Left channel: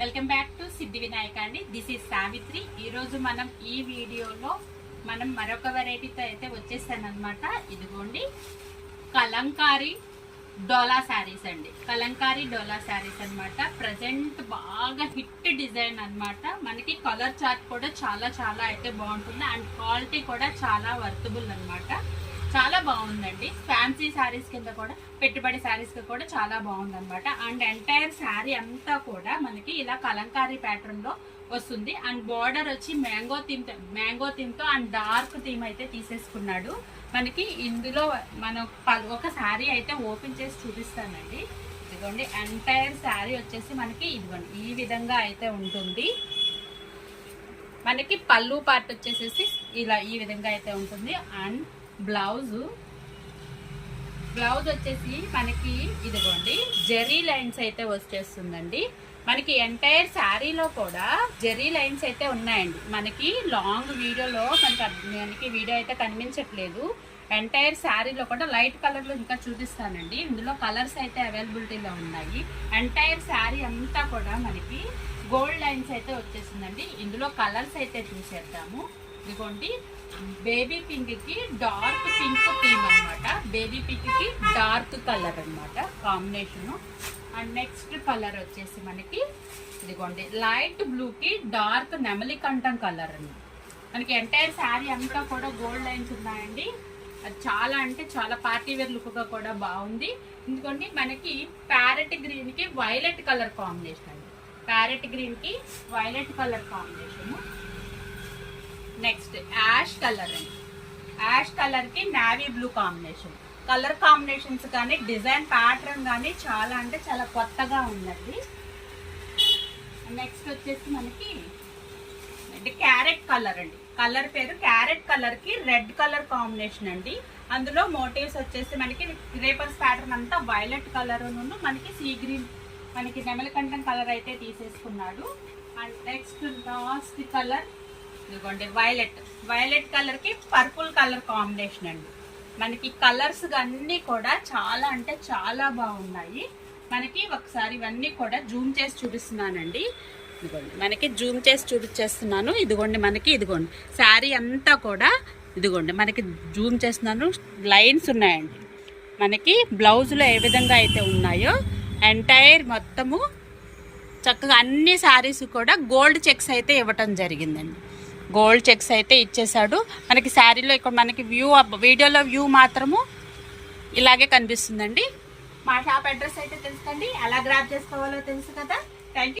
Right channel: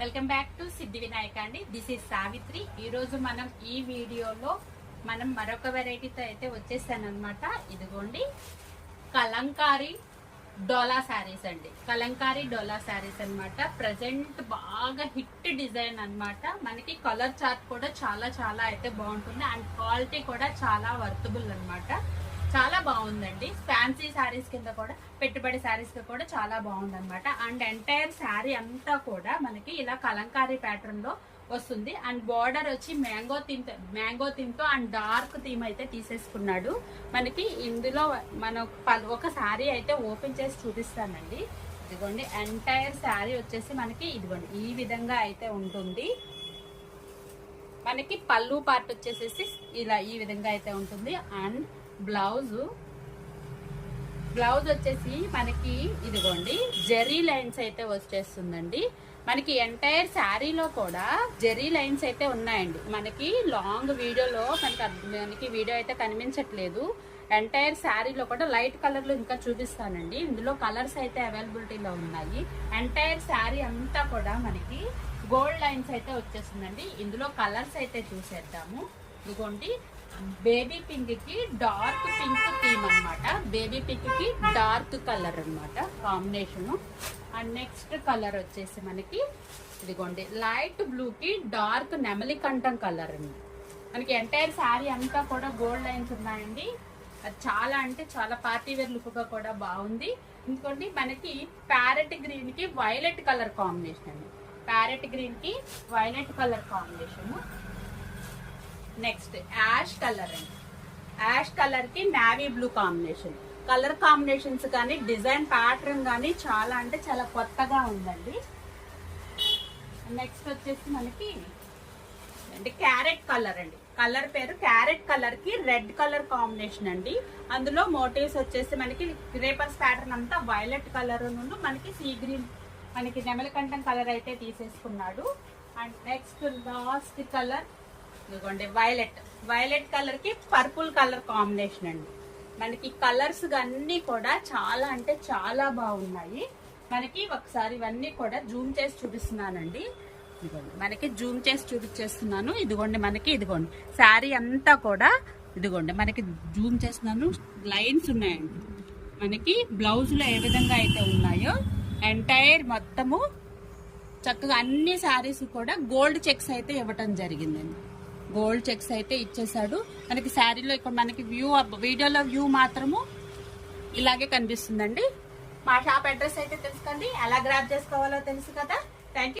Welcome back to సిద్ధి వినాయక అండి. This is Savitri. ఈ రోజు మనం ఈ వీడియోలో మరొక వెరైటీతో అయితే వచ్చేసాను అనమాట. ఇదిగోండి కలంకారీ డోలా శారీస్ అండి. కలంకారీ డోలా శారీస్ అనమాట. ప్రజెంట్ బాగా హిట్ డిజైన్ అనమాట. మనకి కలర్ చార్ట్ కూడా చాలా చాలా అయితే బాగుంటుంది అండ్ క్వాలిటీ కూడా చాలా వర్తబుల్ అనమాట. చాలా బాగుందండి. ఫ్యాన్సీ శారీస్ కింద కూడా, పెట్టుబడి శారీస్ కూడా చాలా బాగుంది అనమాట. అండ్ ఎంటైర్ శారీ అంతా కూడా మనకి ఇలా కలంకారీ ప్యాటర్న్ లో వస్తుంది. అండ్ బార్డర్ వచ్చి మ్యాంగో థీమ్ తో అండ్ డార్క్ థీమ్ అయితే తీసేసుకున్నాడు. మనకి ఇందులో ఒక శారీ అయితే ఓపెన్ చేసి చూపిస్తానండి. ఇదిగోండి ఎంటైర్ శారీ వచ్చేసి మనకి ఇదిగోండి ఈ విధంగా అయితే ఉంటుంది. మనకి పళ్ళు పార్ట్ వచ్చేసేసి ఇలా ఈ విధంగా అయితే ఉంటుంది. అండ్ బ్లౌజ్ వచ్చేసి మనకి ఇదిగోండి జెరీ లైన్స్ అయితే వచ్చేస్తుందండి. మనకి ఎంటైర్ శారీలో కూడా జెరీ లైన్స్ అయితే ఉన్నాయండి. మనకి లాంగ్ వీడియోలో మనకి వీడియో అయితే కనిపించట్లేదు. ఎంటైర్ శారీలో కూడా లైట్ కలర్ లో ఇంకా చూపిస్తానండి. ఇందులో కలర్స్ అయితే అవైలబిలిటీలో ఉన్నాయి. ఎంటైర్ శారీ అంతా కూడా మనకి గోల్డ్ లైన్స్ అయితే వచ్చేసిందండి. ఇందులో కలర్స్ అయితే చూసేద్దాము. ఇదిగోండి బేబీ పింక్ కి డార్క్ పింక్ థీమ్ అనమాట. బేబీ పింక్ కి డార్క్ కలర్ అనమాట కాంబినేషన్. అండ్ నెక్స్ట్ కలర్ వచ్చేసి మనకి ఇదిగోండి లైట్ బ్లూ కి డార్క్ నెమలి కంఠం కలర్ అన్నమాట. మనకి ఎంటైర్ శారీ అంతా కూడా గోల్డ్ లైన్స్ ఉన్నాయండి. అది చాలా అంటే చాలా పార్టీ వేర్ లుక్ గా కూడా బాగుంది. ఎందుకంటే మనకి ప్యారెట్ గ్రీన్ కి వైలెట్ కలర్ కాంబినేషన్ అండి. ప్యారెట్ గ్రీన్ కి violet colour combination. Next ash colour అండి. యాష్ కలర్ కి navy blue combination. Colour combinations కానీ డిజైన్ ప్యాటర్న్ కానీ చాలా అంటే చాలా కొత్తగా ఉందండి. నెక్స్ట్ వచ్చేసి మనకి అంటే క్యారెట్ కలర్ అండి. కలర్ పేరు క్యారెట్ కలర్ కి రెడ్ కలర్ కాంబినేషన్ అండి. అందులో మోటివ్స్ వచ్చేసి మనకి రేపర్స్ ప్యాటర్న్ అంతా వైలెట్ కలర్ నుండి మనకి సీ గ్రీన్ మనకి నెమలికంఠం కలర్ అయితే తీసేసుకున్నాడు. అండ్ నెక్స్ట్ లాస్ట్ కలర్ ఇదిగోండి వైలెట్ కలర్ కి పర్పుల్ కలర్ కాంబినేషన్ అండి. మనకి కలర్స్ అన్ని కూడా చాలా అంటే చాలా బాగున్నాయి. మనకి ఒకసారి ఇవన్నీ కూడా జూమ్ చేసి చూపిస్తున్నానండి. ఇదిగోండి మనకి జూమ్ చేసి చూపించేస్తున్నాను. ఇదిగోండి మనకి ఇదిగోండి శారీ అంతా కూడా ఇదిగోండి మనకి జూమ్ చేస్తున్నాను. లైన్స్ ఉన్నాయండి. మనకి బ్లౌజ్లో ఏ విధంగా అయితే ఉన్నాయో ఎంటైర్ మొత్తము చక్కగా అన్ని శారీస్ కూడా గోల్డ్ చెక్స్ అయితే ఇవ్వటం జరిగిందండి. గోల్డ్ చెక్స్ అయితే ఇచ్చేసాడు. మనకి శారీలో ఇక్కడ మనకి వీడియోలో వ్యూ మాత్రము ఇలాగే కనిపిస్తుందండి. మా షాప్ అడ్రస్ అయితే తెలుసుకోండి. ఎలా గ్రాప్ చేసుకోవాలో తెలుసు కదా. Thank you.